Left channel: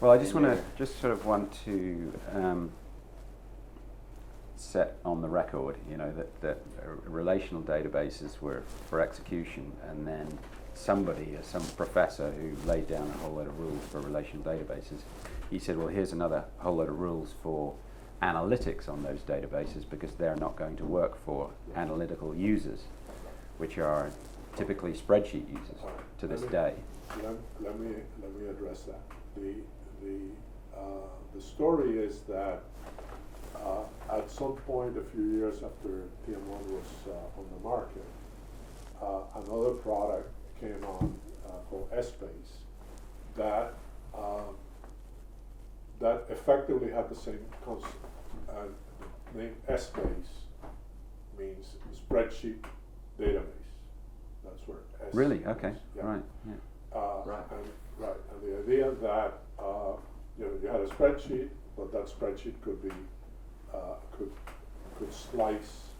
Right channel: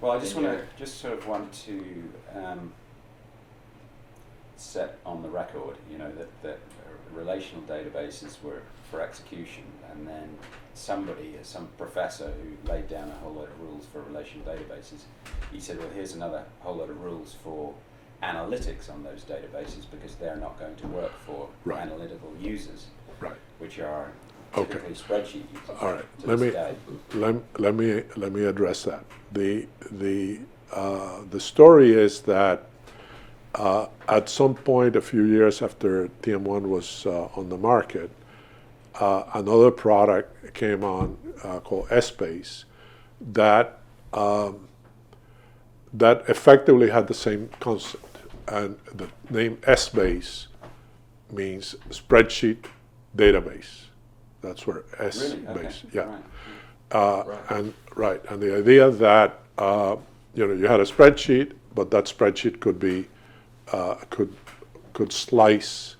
Well, I just want to set on the record, that relational databases were for execution, and then some professor who laid down a whole load of rules for relational databases, he said, well, here's another whole load of rules for analytics on those databases, because they're not going to work for analytical users, which are typically spreadsheet users. All right. To this day. Let me address that. The story is that at some point, a few years after TM1 was on the market, another product came on called Essbase that effectively had the same concept. And the name Essbase means spreadsheet database. That's where S Really? base. Okay. Yeah. And the idea that you had a spreadsheet, but that spreadsheet could be could slice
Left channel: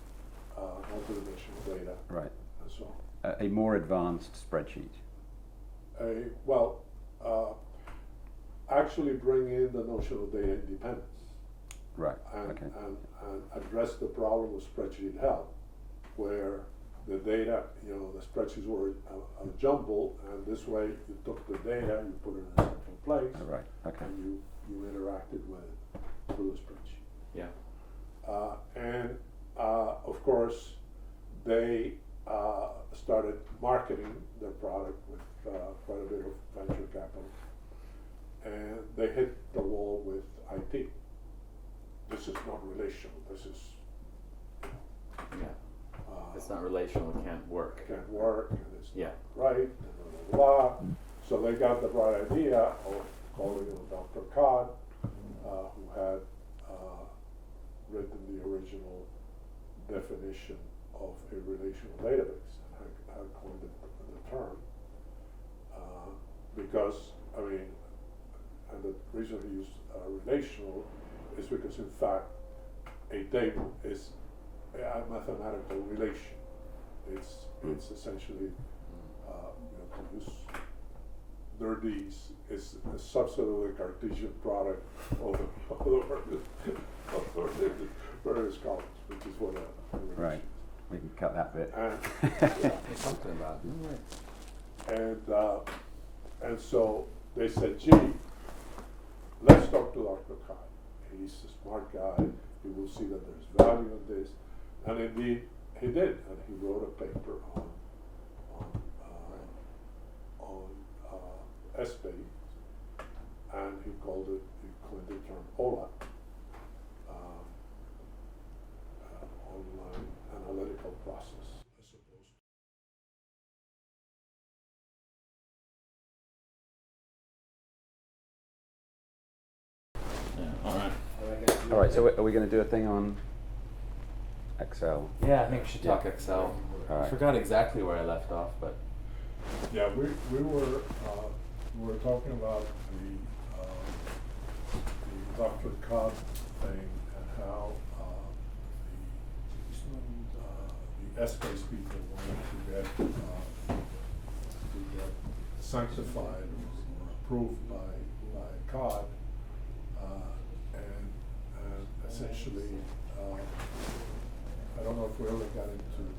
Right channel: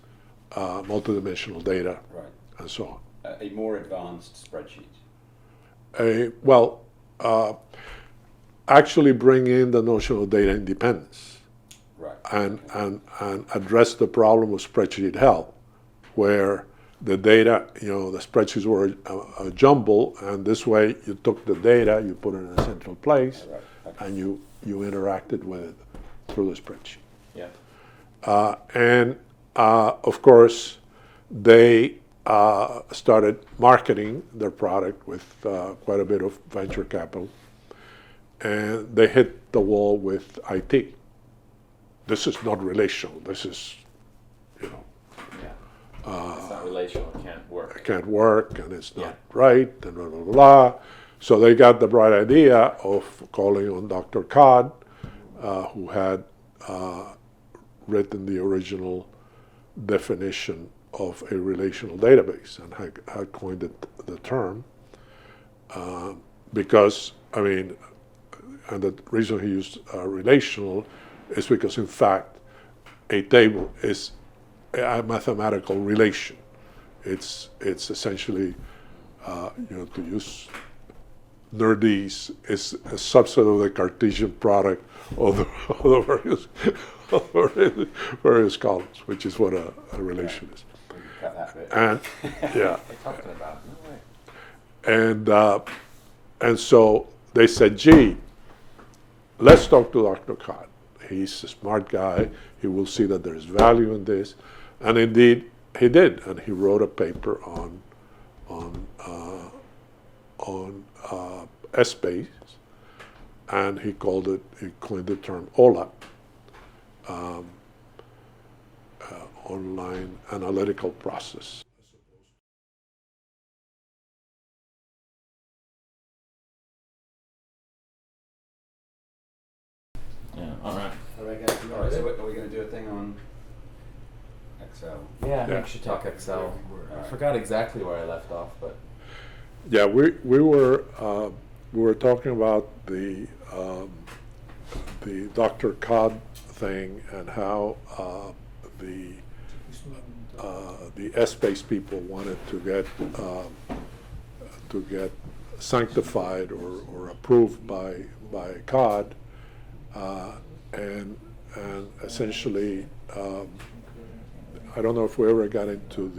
multidimensional data, and so on. A more advanced spreadsheet. Actually bring in the notion of data independence, and address the problem of spreadsheet hell, where the data, the spreadsheets were a jumble, and this way you took the data, you put it in a central place, and you interacted with it through the spreadsheet. Yeah. And of course, they started marketing their product with quite a bit of venture capital, and they hit the wall with IT. This is not relational. This is, it's not relational. It can't work. It can't work, and it's not right, and blah, blah, blah. So they got the bright idea of calling on Dr. Codd, who had written the original definition of a relational database and had coined the term, because, and the reason he used relational is because, in fact, a table is a mathematical relation. It's essentially, to use nerdese, is a subset of the Cartesian product of the various columns, which is what a relation is. We can cut that bit. And yeah, Something about it. and so they said, gee, let's talk to Dr. Codd. He's a smart guy. He will see that there's value in this. And indeed, he did. And he wrote a paper on Essbase, and he coined the term OLAP, online analytical process. Yeah. All right. All right, so are we going to do a thing on Excel? Yeah, I think we should talk Excel. I forgot exactly where I left off, but Yeah, we were talking about the Dr. Codd thing, and how the Essbase people wanted to get sanctified or approved by Codd, and essentially, I don't know if we ever got into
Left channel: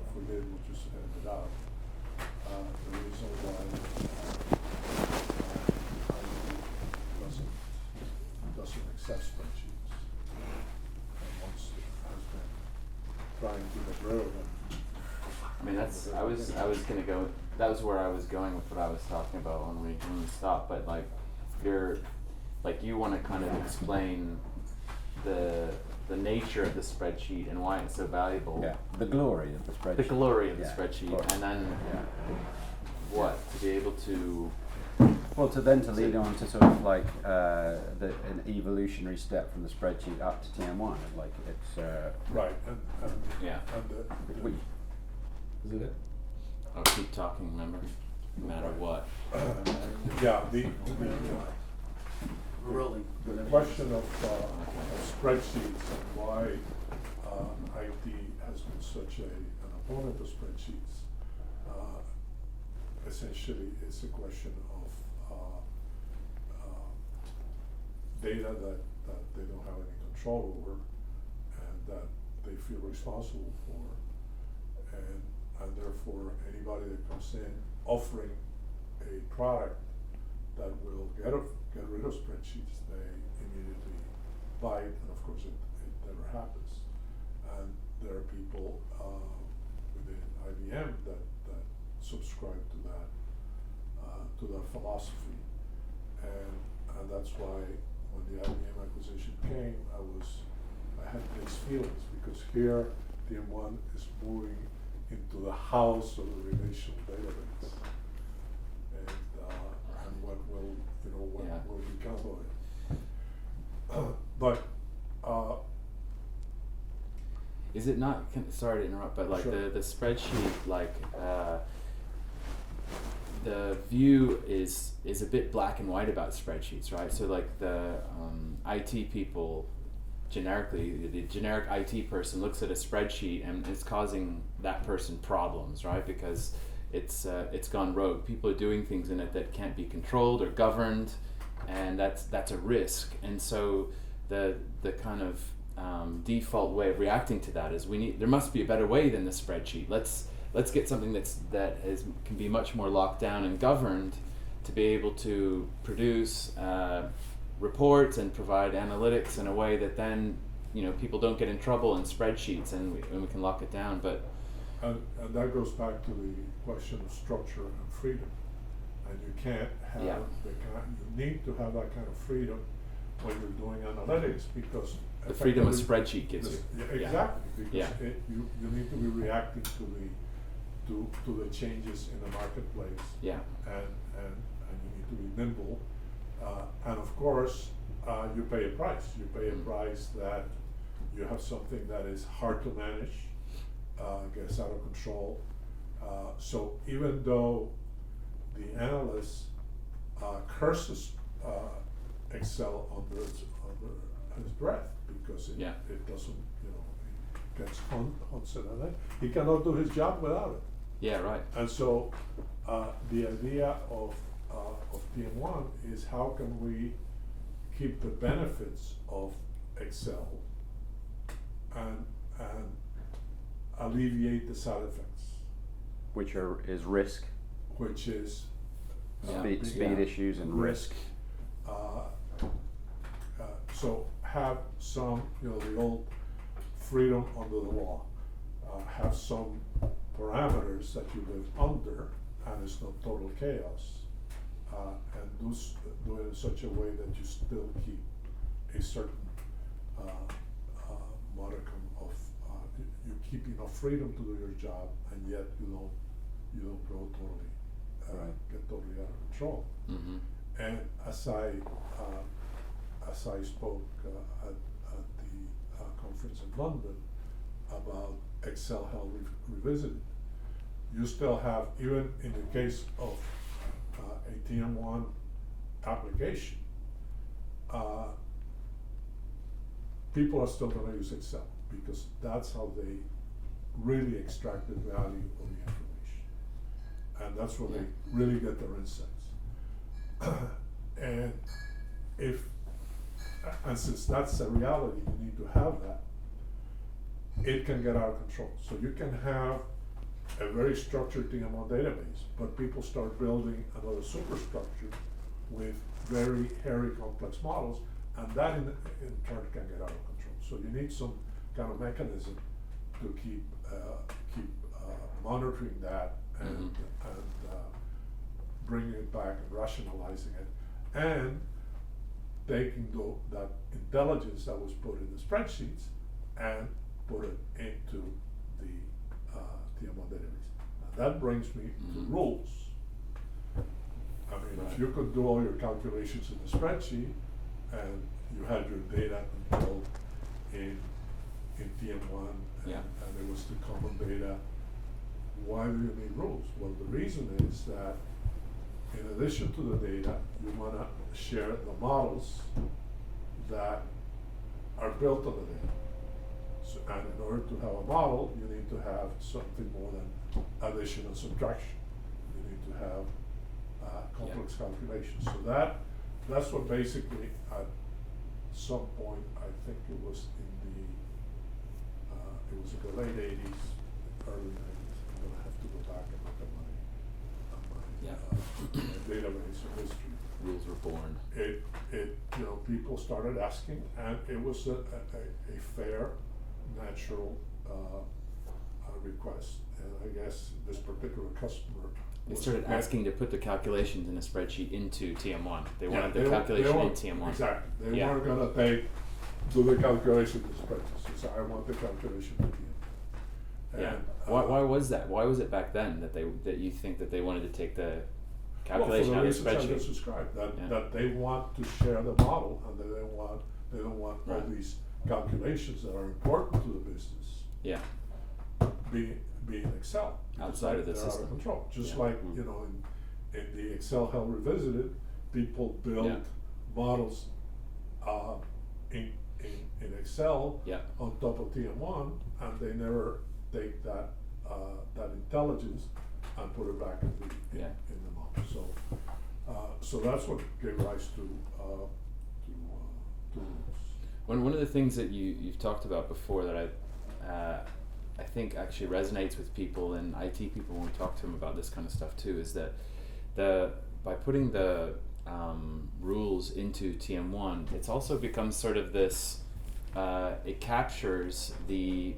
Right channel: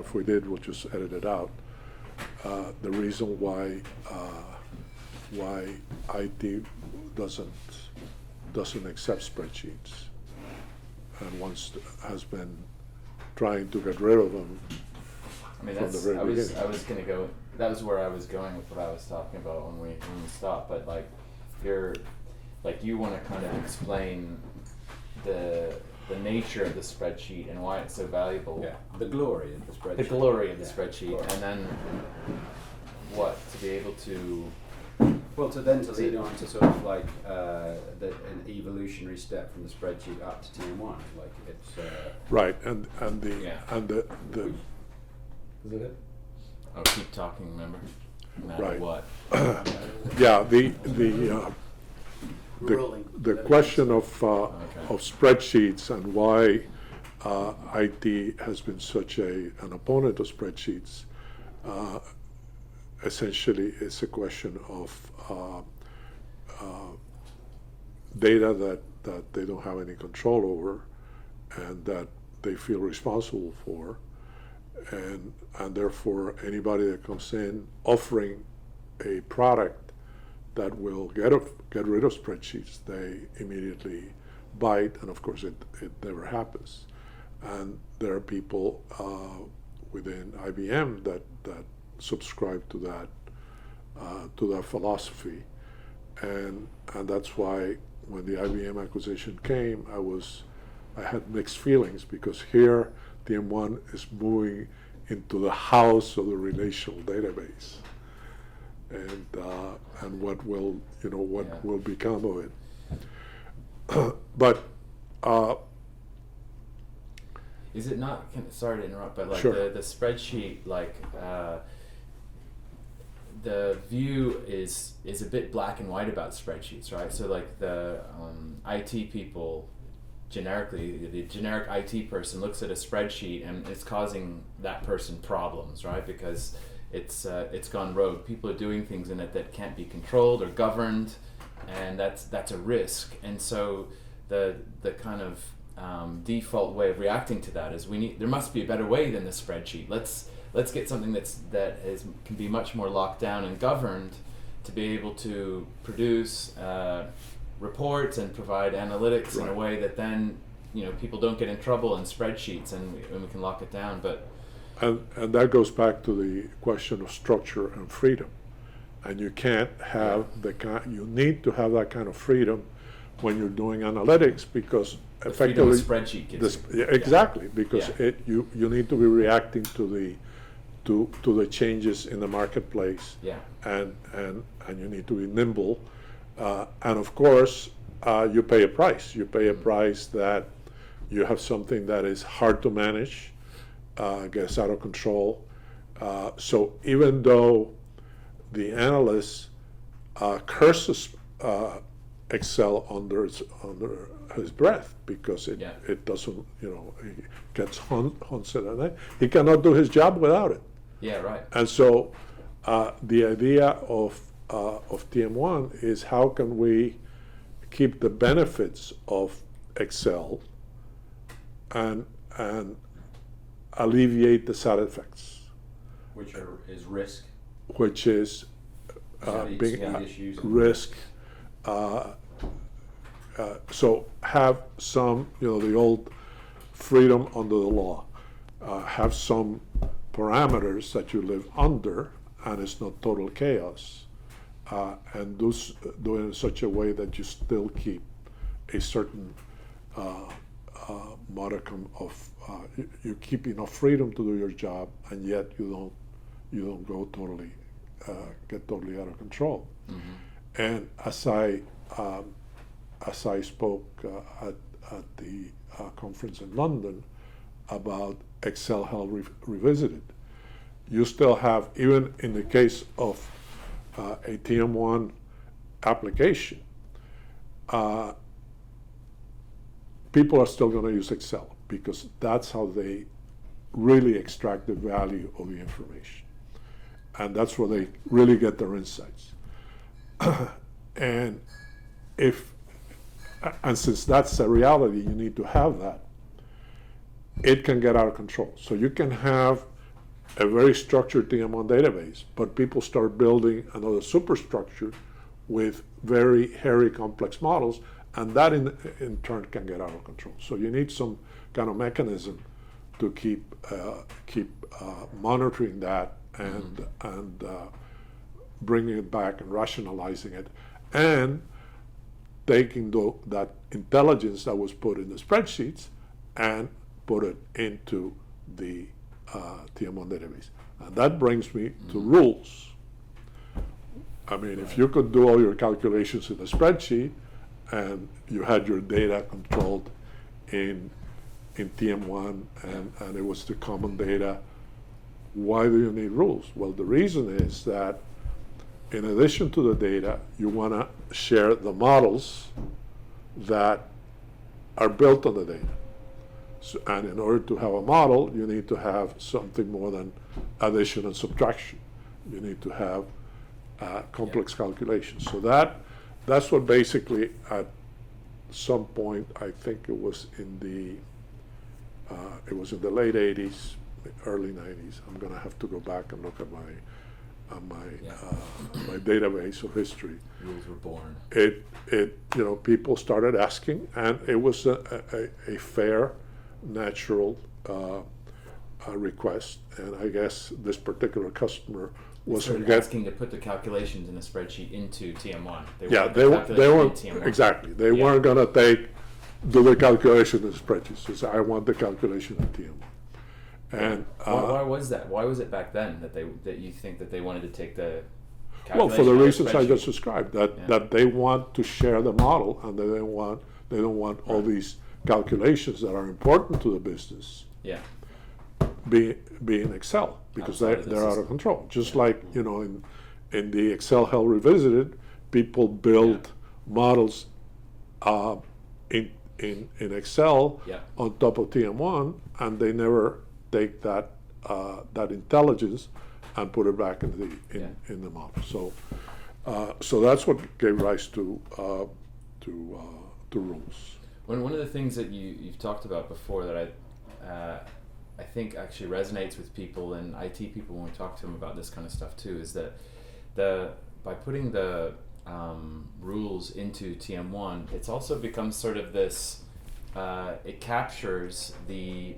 if we did, we'll just edit it out. The reason why IT doesn't accept spreadsheets, and has been trying to get rid of them. That was where I was going with what I was talking about when we stopped. But you want to kind of explain the nature of the spreadsheet and why it's so valuable. Yeah, the glory of the spreadsheet. The glory of the spreadsheet, and then what, to be able to. Well, to lead on to sort of like an evolutionary step from the spreadsheet up to TM1, like it's right, and the is it? Oh, keep talking. Remember, no matter what. Yeah, the question of spreadsheets and why IT has been such an opponent of spreadsheets, essentially is a question of data that they don't have any control over and that they feel responsible for, and therefore anybody that comes in offering a product that will get rid of spreadsheets, they immediately bite, and of course it never happens. And there are people within IBM that subscribe to that philosophy, and that's why when the IBM acquisition came, I had mixed feelings, because here TM1 is moving into the house of the relational database, and what will will become of it. But is it not? Sorry to interrupt, but like sure. the spreadsheet, like the view is a bit black and white about spreadsheets, right? So like the IT people, generically, the generic IT person looks at a spreadsheet and it's causing that person problems, right? Because it's gone rogue. People are doing things in it that can't be controlled or governed, and that's a risk. And so the kind of default way of reacting to that is there must be a better way than the spreadsheet. Let's get something that can be much more locked down and governed to be able to produce reports and provide analytics in a way that then people don't get in trouble in spreadsheets, and we can lock it down. But and that goes back to the question of structure and freedom, and you can't have you need to have that kind of freedom when you're doing analytics, because the freedom a spreadsheet gives you. Exactly, because you need to be reacting to the changes in the marketplace, and you need to be nimble, and of course you pay a price. You pay a price that you have something that is hard to manage, gets out of control. So even though the analyst curses Excel under his breath, because it doesn't, he gets haunted, and he cannot do his job without it. Yeah, right. And so the idea of TM1 is, how can we keep the benefits of Excel and alleviate the side effects, which is risk, which is speed issues and risk. So have some, the old freedom under the law. Have some parameters that you live under, and it's not total chaos. And do it in such a way that you still keep a certain modicum of, you keep enough freedom to do your job, and yet you don't go totally, get totally out of control. Mm-hmm. And as I spoke at the conference in London about Excel Health Revisited, you still have, even in the case of a TM1 application, people are still going to use Excel, because that's how they really extract the value of the information, and that's where they really get their insights. And since that's a reality, you need to have that. It can get out of control. So you can have a very structured TM1 database, but people start building another superstructure with very hairy, complex models, and that in turn can get out of control. So you need some kind of mechanism to keep monitoring that and bringing it back and rationalizing it, and taking that intelligence that was put in the spreadsheets and put it into the TM1 database. And that brings me to rules. I mean, if you could do all your calculations in a spreadsheet and you had your data controlled in TM1 and it was the common data, why do you need rules? Well, the reason is that in addition to the data, you want to share the models that are built on the data. So, and in order to have a model, you need to have something more than addition and subtraction. You need to have complex calculations. So that's what basically at some point, I think it was in the late 80s, early 90s. I'm gonna have to go back and look at my database of history. Rules were born. People started asking, and it was a fair, natural request. And I guess this particular customer They was started asking to put the calculations in a spreadsheet into TM1. They wanted the they calculation weren't in TM1. exactly. They Yeah. weren't gonna do the calculation in spreadsheets. They said, I want the calculation in TM. And Why was that? Why was it back then that you think that they wanted to take the well, calculation for the out of reasons I spreadsheet? just described, that Yeah. that they want to share the model, and they don't want all Right. these calculations that are important to the business Yeah. be in Excel, because Outside of the they're out system. of control. Just Yeah. like in the Excel Hell Revisited, people build models in Excel Yeah. on top of TM1, and they never take that intelligence and put it back in the model. So that's what gave rise to rules. One of the things that you've talked about before that I think actually resonates with people and IT people when we talk to them about this kind of stuff too is that by putting the rules into TM1, it's also become sort of this. It captures the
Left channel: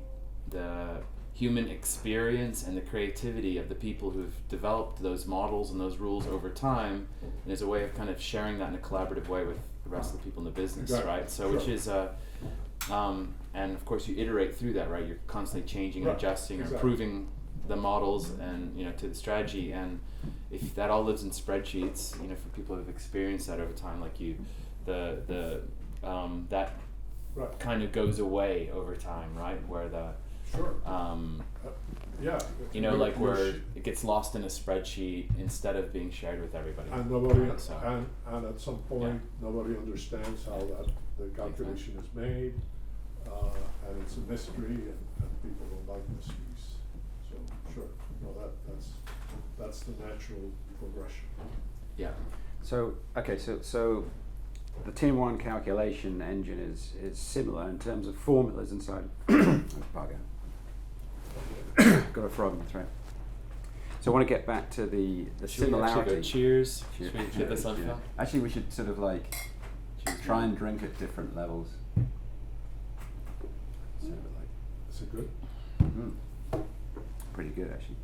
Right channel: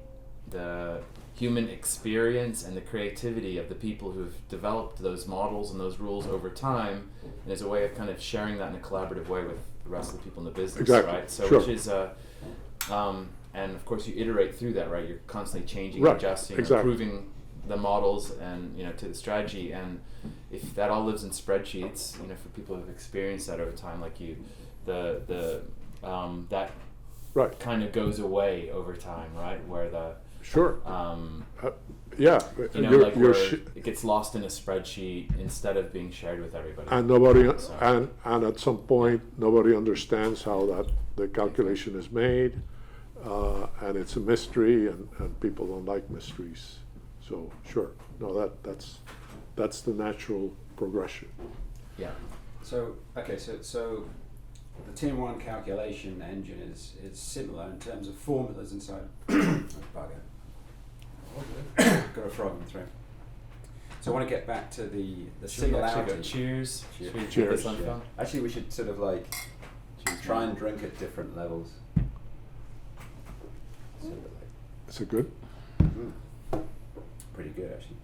human experience and the creativity of the people who've developed those models and those rules over time, and is a way of kind of sharing that in a collaborative way with the rest of the people in the business, Exactly. right? So Sure. which is and of course you iterate through that, right? You're constantly changing, Right. adjusting, Exactly. improving the models and to the strategy. And if that all lives in spreadsheets, for people who've experienced that over time, like you, that Right. kind of goes away over time, right? Where the Sure. where Yeah. it gets lost in a spreadsheet instead of being shared with everybody. And nobody, So- and at some point, nobody understands how the calculation is made, and it's a mystery, and people don't like mysteries. So, sure, no, that's the natural progression. Yeah. So the TM1 calculation engine is similar in terms of formulas inside. Got a frog in the throat. So I want to get back to the Should we actually similarity. go cheers? Cheers. Should we get Cheers, this on yeah. film? Actually, we should sort of like Cheers, try man. and drink at different levels. Sort of like, Is it good? pretty good actually.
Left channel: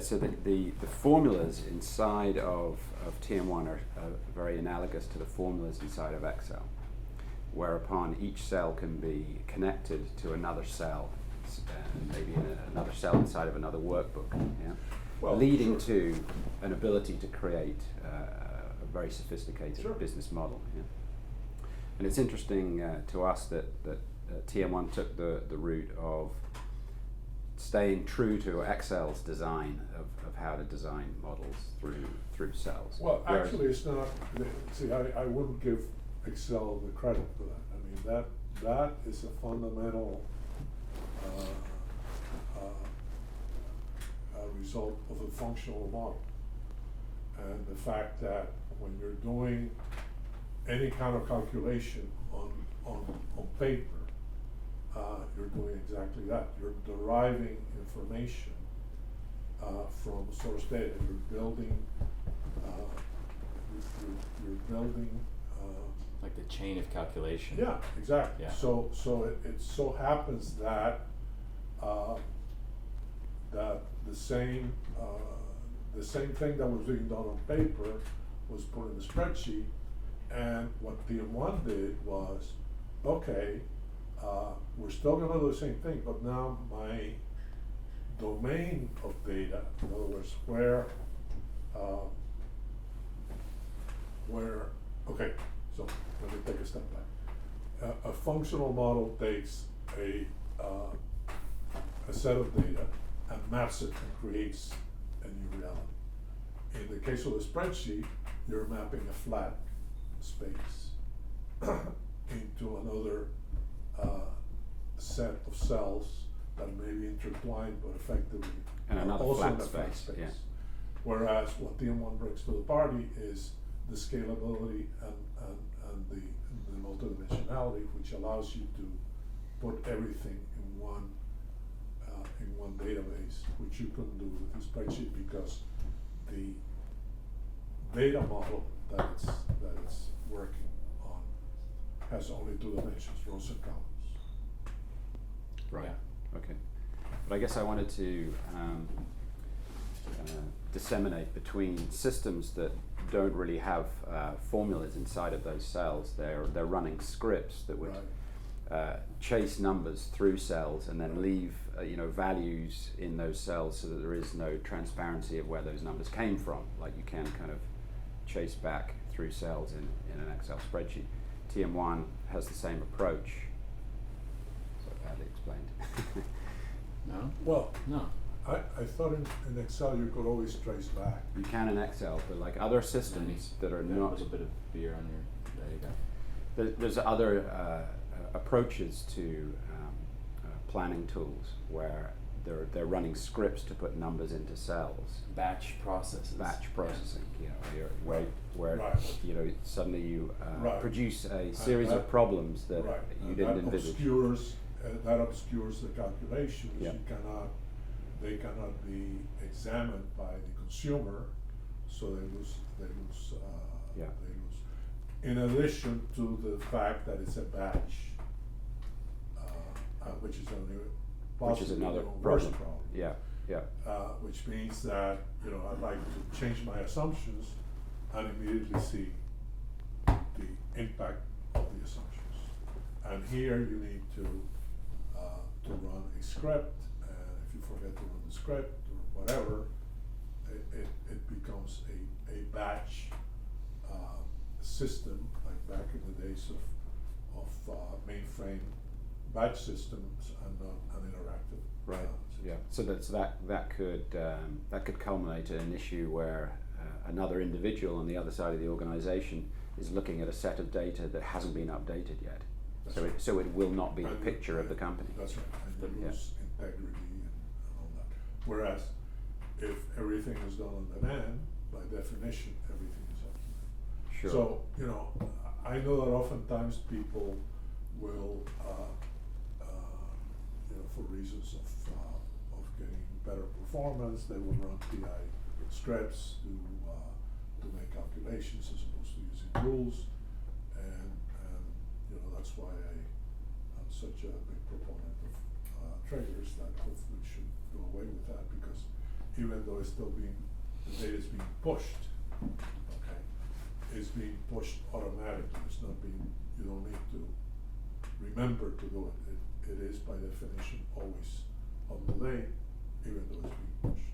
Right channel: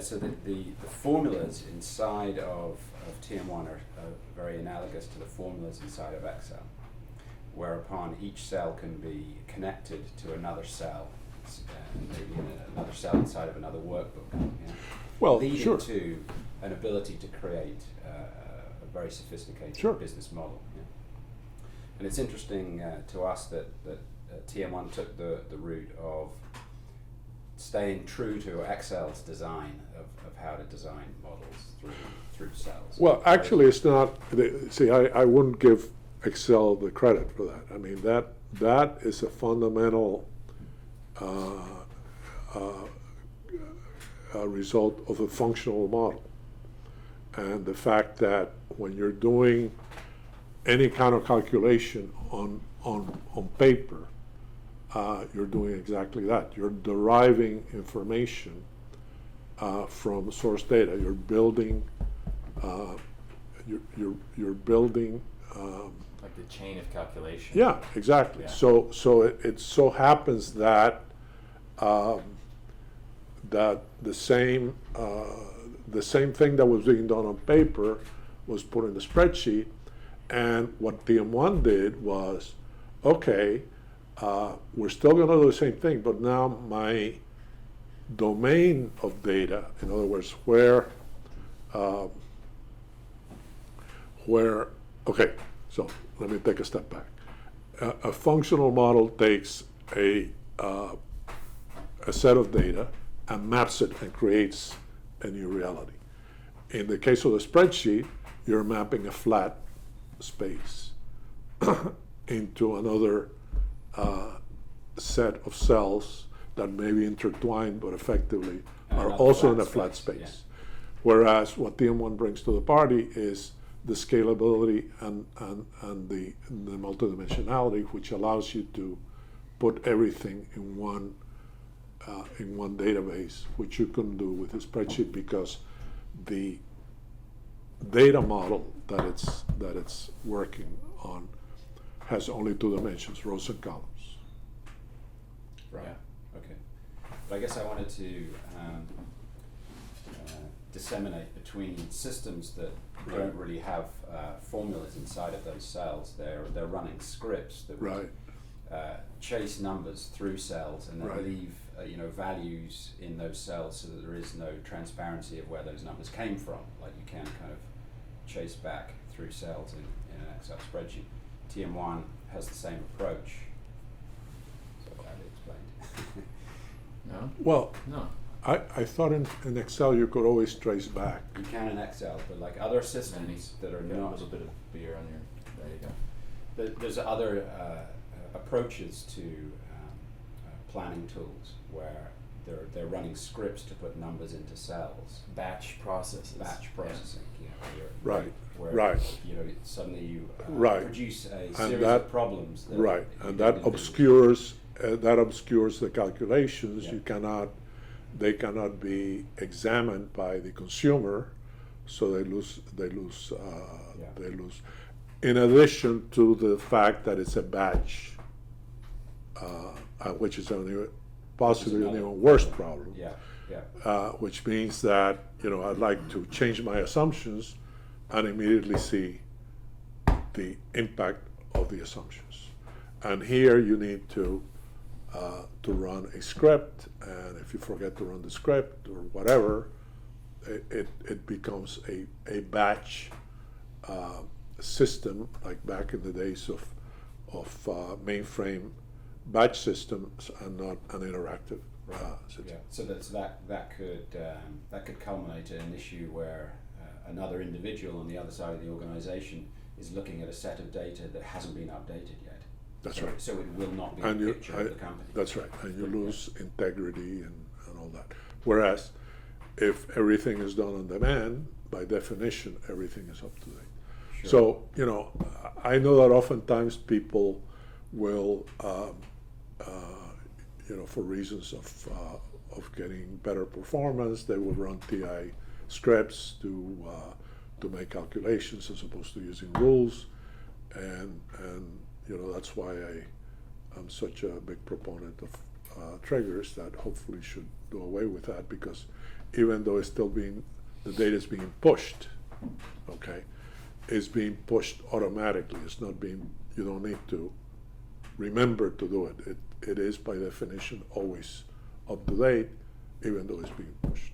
So the formulas inside of TM1 are very analogous to the formulas inside of Excel, whereupon each cell can be connected to another cell, maybe another cell inside of another workbook, yeah? Well, leading sure. to an ability to create a very sophisticated Sure. business model. Yeah? And it's interesting to us that TM1 took the route of staying true to Excel's design of how to design models through cells. Well, Whereas- actually, it's not, see, I wouldn't give Excel the credit for that. I mean, that is a fundamental result of a functional model. And the fact that when you're doing any kind of calculation on paper, you're doing exactly that. You're deriving information from source data. You're building. You're building. Like the chain of calculation. Yeah, exactly. Yeah. So it so happens that that the same thing that was being done on paper was put in the spreadsheet, and what TM1 did was, okay, we're still going to do the same thing, but now my domain of data, in other words, okay, so let me take a step back. A functional model takes a set of data and maps it and creates a new reality. In the case of the spreadsheet, you're mapping a flat space into another set of cells that may be intertwined but effectively And are another also in flat a flat space, space. yeah. Whereas what TM1 brings to the party is the scalability and the multidimensionality, which allows you to put everything in one database, which you couldn't do with a spreadsheet because the data model that it's working on has only 2 dimensions, rows and columns. Right. Yeah. Okay. But I guess I wanted to disseminate between systems that don't really have formulas inside of those cells. They're running scripts that would chase numbers through cells and then leave values in those cells so that there is no transparency of where those numbers came from. Like you can kind of chase back through cells in an Excel spreadsheet. TM1 has the same approach. So badly explained. No? Well, No. I thought in Excel you could always trace back. You can in Excel, but like other systems that are Got not, a little bit of beer on your. There you go. there's other approaches to planning tools where they're running scripts to put numbers into cells. Batch processes. Batch processing, Right. where Right. suddenly you Right. produce a And series that- of problems that Right, you and didn't that envisage. obscures the calculations. Yeah. They cannot be examined by the consumer, so they lose. In addition to the fact that it's a batch, which is possibly an another even worse problem. Yeah. Which means that I'd like to change my assumptions and immediately see the impact of the assumptions. And here you need to run a script, and if you forget to run the script or whatever, it becomes a batch system, like back in the days of mainframe batch systems and not an interactive system. Yeah. So that could culminate in an issue where another individual on the other side of the organization is looking at a set of data that hasn't been updated yet. That's so, right. So it will not be And a picture of the company. That's right, and you lose integrity and all that. Whereas if everything is done on demand, by definition, everything is up to date. Sure. So, I know that oftentimes people will, for reasons of getting better performance, they will run TI scripts to make calculations as opposed to using rules, and that's why I'm such a big proponent of triggers that hopefully should do away with that, because even though the data is being pushed, okay, it's being pushed automatically. It's not you don't need to remember to do it. It is by definition always up to date, even though it's being pushed.